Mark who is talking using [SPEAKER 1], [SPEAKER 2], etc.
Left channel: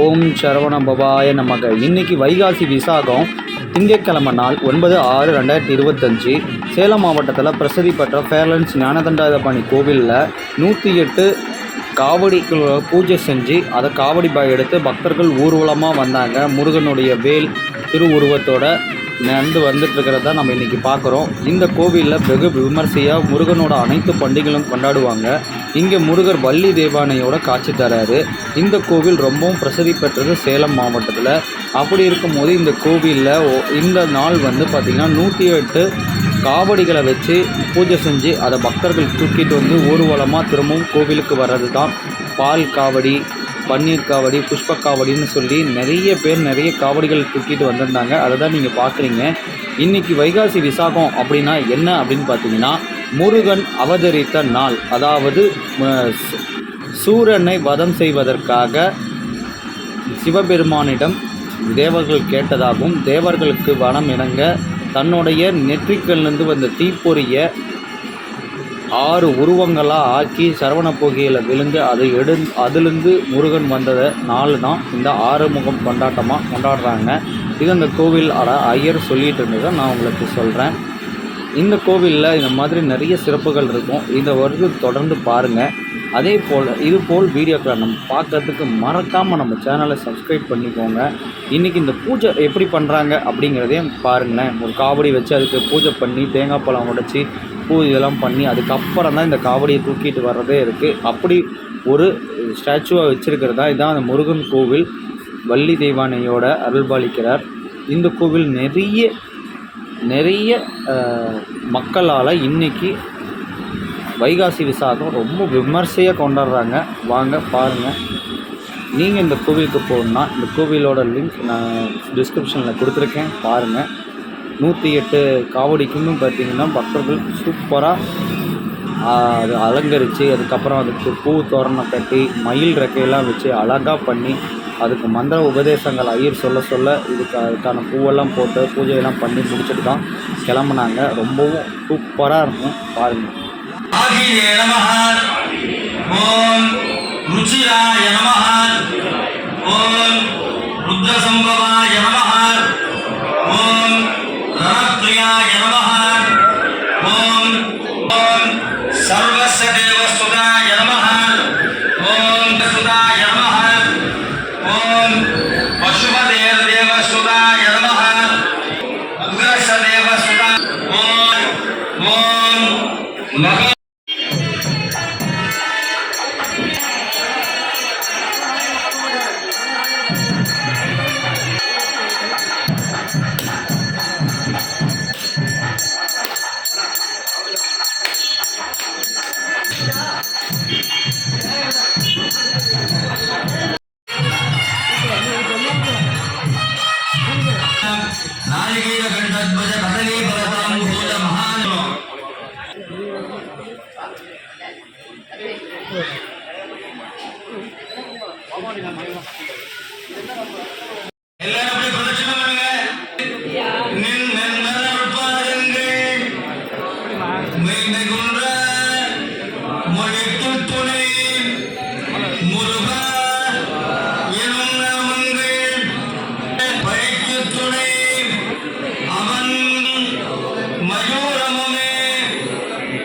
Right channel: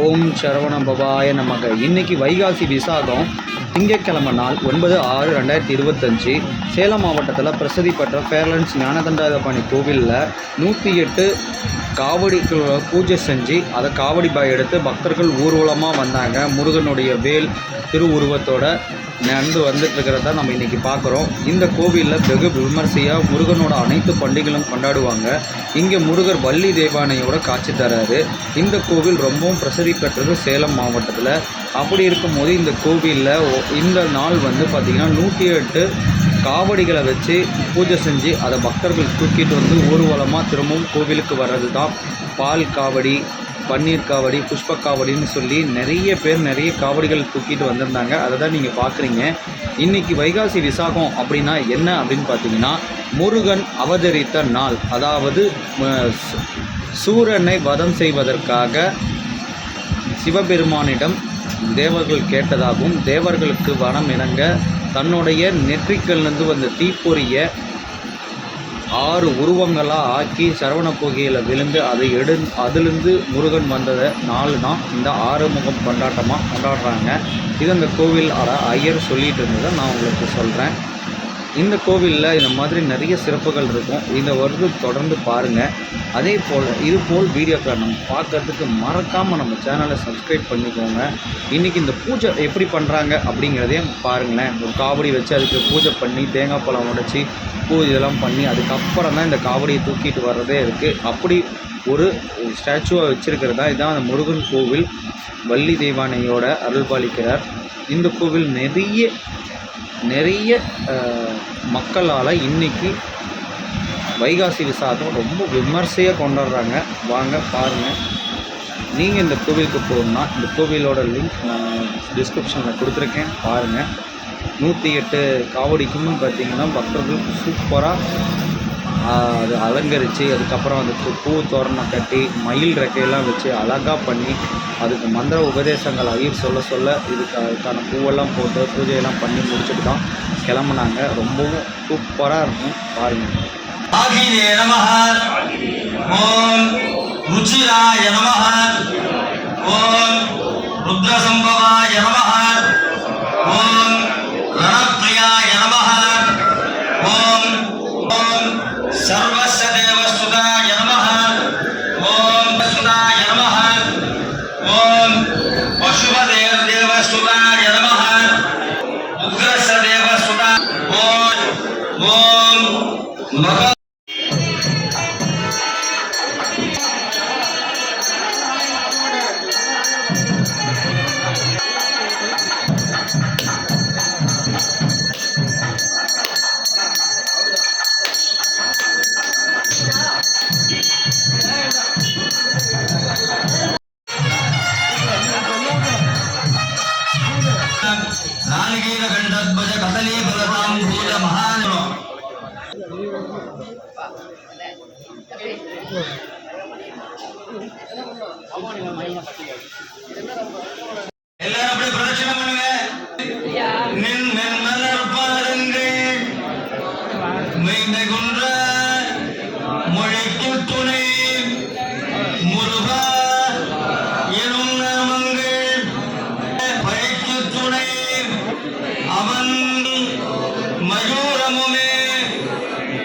[SPEAKER 1] ஓம் சரவண பபாய நமக. இன்னைக்கு வைகாசி விசாகம் திங்கட்கிழமை நாள் ஒன்பது ஆறு ரெண்டாயிரத்தி இருபத்தஞ்சி. சேலம் மாவட்டத்தில் பிரசித்தி பெற்ற ஃபேர்லன்ஸ் ஞானதண்டாதபாணி கோவிலில் நூற்றி எட்டு காவடிக்கு பூஜை செஞ்சு அதை காவடி பாய் எடுத்து பக்தர்கள் ஊர்வலமாக வந்தாங்க. முருகனுடைய வேல் திருவுருவத்தோட நடந்து வந்துட்டுருக்கிறத நம்ம இன்றைக்கி பார்க்குறோம். இந்த கோவிலில் வெகு விமர்சையாக முருகனோட அனைத்து பண்டிகைகளும் கொண்டாடுவாங்க. இங்கே முருகர் வள்ளி தேவானையோட காட்சி தராரு. இந்த கோவில் ரொம்பவும் பிரசித்தி பெற்றது சேலம் மாவட்டத்தில். அப்படி இருக்கும்போது இந்த கோவிலில் இந்த நாள் வந்து பார்த்திங்கன்னா நூற்றி எட்டு காவடிகளை வச்சு பூஜை செஞ்சு அதை பக்தர்கள் தூக்கிட்டு வந்து ஊர்வலமாக திரும்பவும் கோவிலுக்கு வர்றது தான் பால் காவடி பன்னீர் காவடி புஷ்ப காவடின்னு சொல்லி நிறைய பேர் நிறைய காவடிகள் தூக்கிட்டு வந்திருந்தாங்க. அதை தான் நீங்கள் பார்க்குறீங்க இன்றைக்கி வைகாசி விசாகம் அப்படின்னா என்ன அப்படின்னு பார்த்தீங்கன்னா முருகன் அவதரித்த நாள். அதாவது சூரனை வதம் செய்வதற்காக சிவபெருமானிடம் தேவர்கள் கேட்டதாகவும் தேவர்களுக்கு வனம் இணங்க தன்னுடைய நெற்றிக்கல்லிருந்து வந்த தீப்பொறியை ஆறு உருவங்களாக ஆக்கி சரவண போகியில் விழுந்து அதை எடு அதிலிருந்து முருகன் வந்ததை நாலு தான் இந்த ஆறுமுகம் கொண்டாட்டமாக கொண்டாடுறாங்க. இது அந்த கோவில் அட ஐயர் சொல்லிகிட்டு இருந்ததை நான் உங்களுக்கு சொல்கிறேன் இந்த கோவிலில் இந்த மாதிரி நிறைய சிறப்புகள் இருக்கும். இந்த வருடம் தொடர்ந்து பாருங்கள் அதே போல் இது போல் வீடியோக்களை நம்ம பார்க்கறதுக்கு மறக்காமல் நம்ம சேனலை சப்ஸ்கிரைப் பண்ணிக்கோங்க. இன்றைக்கி இந்த பூஜை எப்படி பண்ணுறாங்க அப்படிங்கிறதையும் பாருங்களேன். ஒரு காவடி வச்சு அதுக்கு பூஜை பண்ணி தேங்காய் பழம் உடைச்சி பூ இதெல்லாம் பண்ணி அதுக்கப்புறம் தான் இந்த காவடியை தூக்கிட்டு வர்றதே இருக்குது அப்படி ஒரு ஸ்டாச்சுவை வச்சுருக்கிறதா? இதுதான் அந்த முருகன் கோவில். வள்ளி தெய்வானையோட அருள்பாலிக்கிறார். இந்த கோவில் நிறைய நிறைய மக்களால் இன்றைக்கி வைகாசி விசாகம் ரொம்ப விமர்சையாக கொண்டாடுறாங்க. வாங்க பாருங்கள் நீங்கள் இந்த கோவிலுக்கு போகணுன்னா இந்த கோவிலோட லிங்க் நான் டிஸ்கிரிப்ஷனில் கொடுத்துருக்கேன். பாருங்கள் நூற்றி எட்டு காவடிக்குன்னு பார்த்தீங்கன்னா பக்தர்கள் சூப்பராக அது அலங்கரித்து அதுக்கப்புறம் அதுக்கு பூ தோரணம் கட்டி மயில் ரெக்கையெல்லாம் வச்சு அழகாக பண்ணி அதுக்கு மந்திர உபதேசங்கள் ஐயர் சொல்ல சொல்ல இதுக்கு அதுக்கான பூவெல்லாம் போட்டு பூஜையெல்லாம் பண்ணி முடிச்சுட்டு தான் கிளம்புனாங்க. ரொம்பவும் சூப்பராக இருக்கும். பாருங்கள்
[SPEAKER 2] ஓம் ருச்சிராய ஓம் ருத்ரசம்பவாய நமஹ. ஓம் நாளிகேர கண்டத்வஜ கதலே பலபாம்